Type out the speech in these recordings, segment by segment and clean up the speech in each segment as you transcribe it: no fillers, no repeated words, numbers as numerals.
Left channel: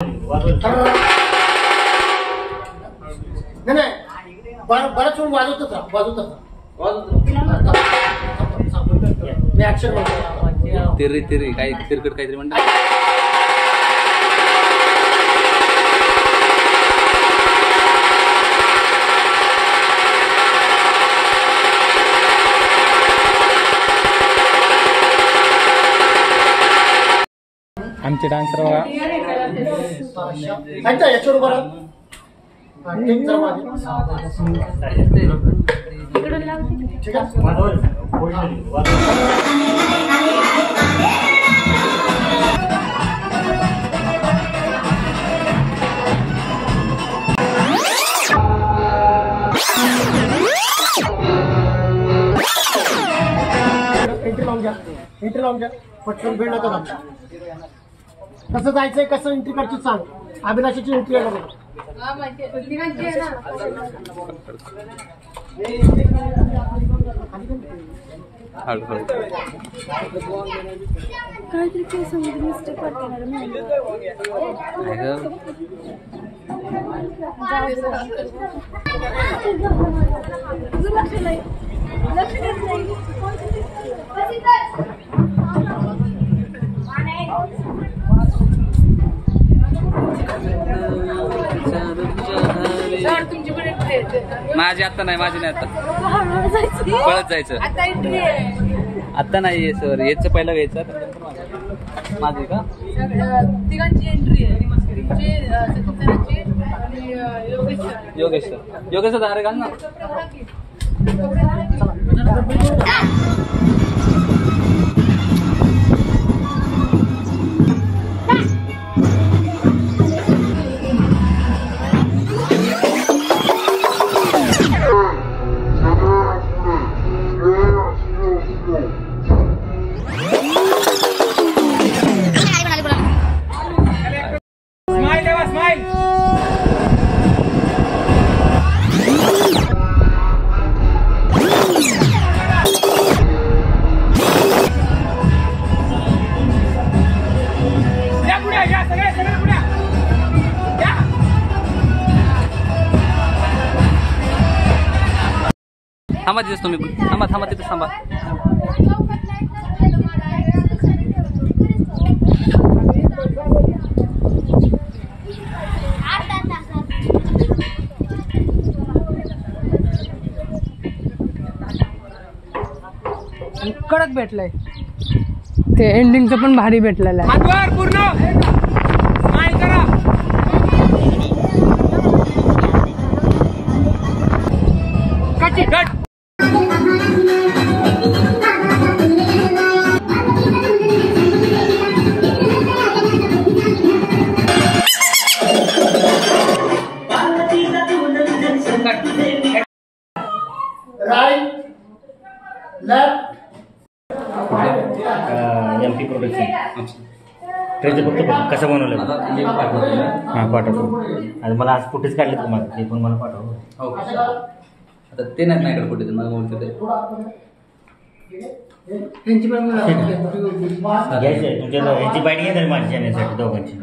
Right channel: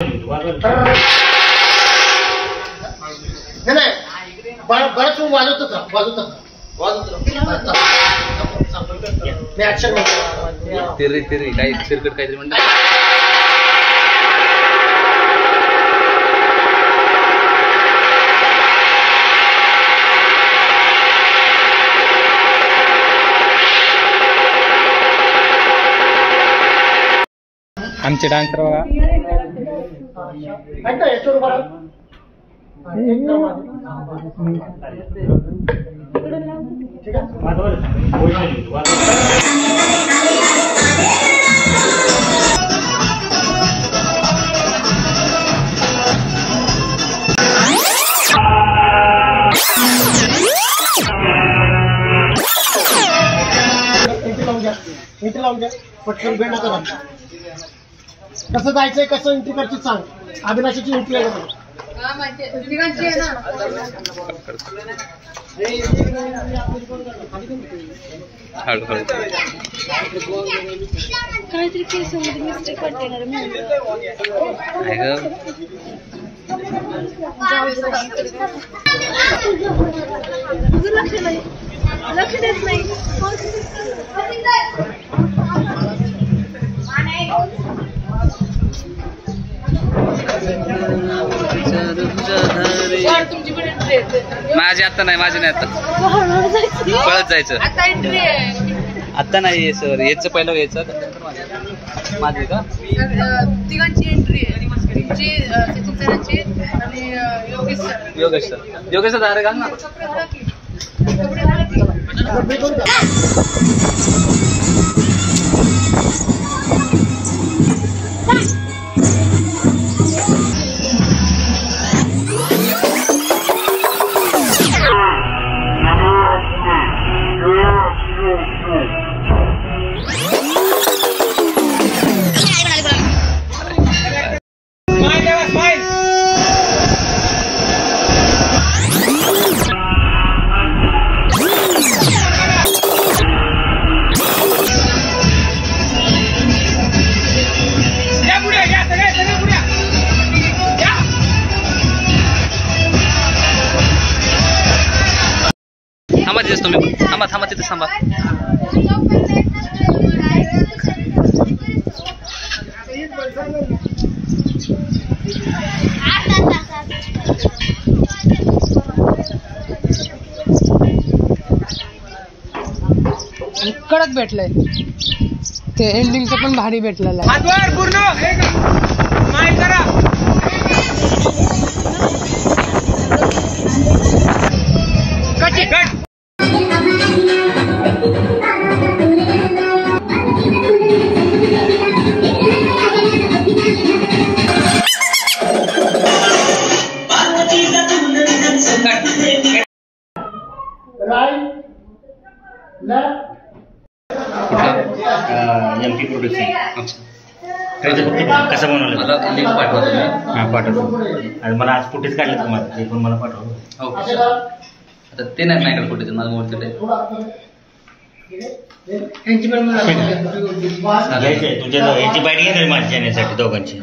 नाही बराच वेळ वाजवतो तिरी काही तिरकट काहीतरी म्हणतात. आमचे डान्सर बघा. इथे लावून द्या पटकन वेळ नका. कसं जायचंय कसं एंट्री करची सांग. अभिलाषाची एंट्री आहे का? काहीतरी केसमध्ये मिस्टेक वाटते ना लक्ष नाही लक्ष देत नाही. माझी आता नाही माझी नाही आता पळत जायचं आता नाही सर याचं पहिलं घ्यायचं माझी का तिघांची एंट्री आहे योगेश सर धारे घाल ना. थांबा तिथेच तुम्ही थांबा तिथेच थांबा. कडक भेटलंय ते एंडिंगचं पण भारी भेटलेलं आहे. एमपी प्रोडक्शन कसं बनवलं मला लिंक पाठवा तुम्ही. हां पाठवतो. आणि मला आज फुटेज काढले तुम्हाला ते पण मला पाठवा. हो आता ते नाही माझ्याकडे फुटेज माझं मोबाईल घ्यायचे तुमच्या याची बॅटिंग येणार माझ्या चॅनलसाठी दोघांची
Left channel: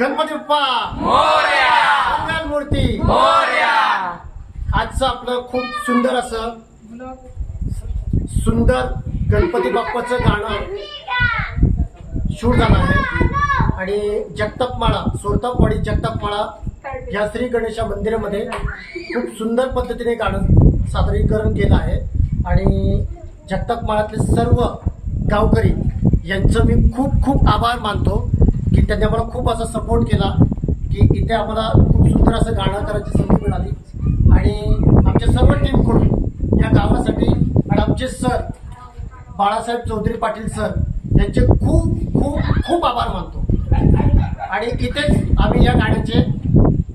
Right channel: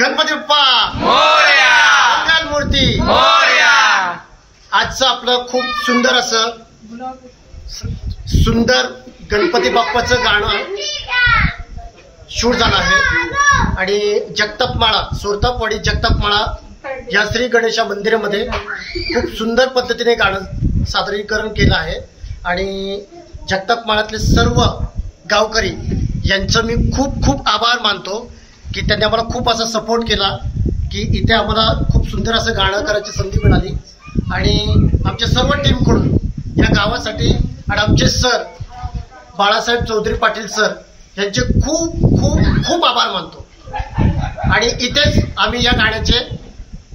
गणपती बाप्पा मोरया. मंगल मूर्ती मोरया. आजचं आपलं खूप सुंदर असं सुंदर गणपती बाप्पाचं गाणं शूट झालं आहे आणि जगतापमाळा सोरतापवाडी जगतापमाळा या श्री गणेशा मंदिरामध्ये खूप सुंदर पद्धतीने गाणं सादरीकरण केलं आहे. आणि जगतापमाळातले सर्व गावकरी यांचं मी खूप खूप आभार मानतो की त्यांनी आम्हाला खूप असा सपोर्ट केला की इथे आम्हाला खूप सुंदर असं गाणं करायची संधी मिळाली. आणि आमच्या सर्व टीमकडून या गावासाठी आणि आमचे सर बाळासाहेब चौधरी पाटील सर यांचे खूप खूप खूप आभार मानतो. आणि इथेच आम्ही या गाण्याचे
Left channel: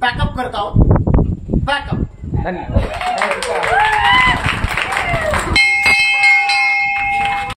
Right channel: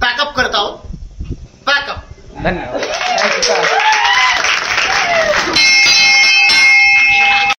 पॅकअप करत आहोत. पॅकअप. धन्यवाद.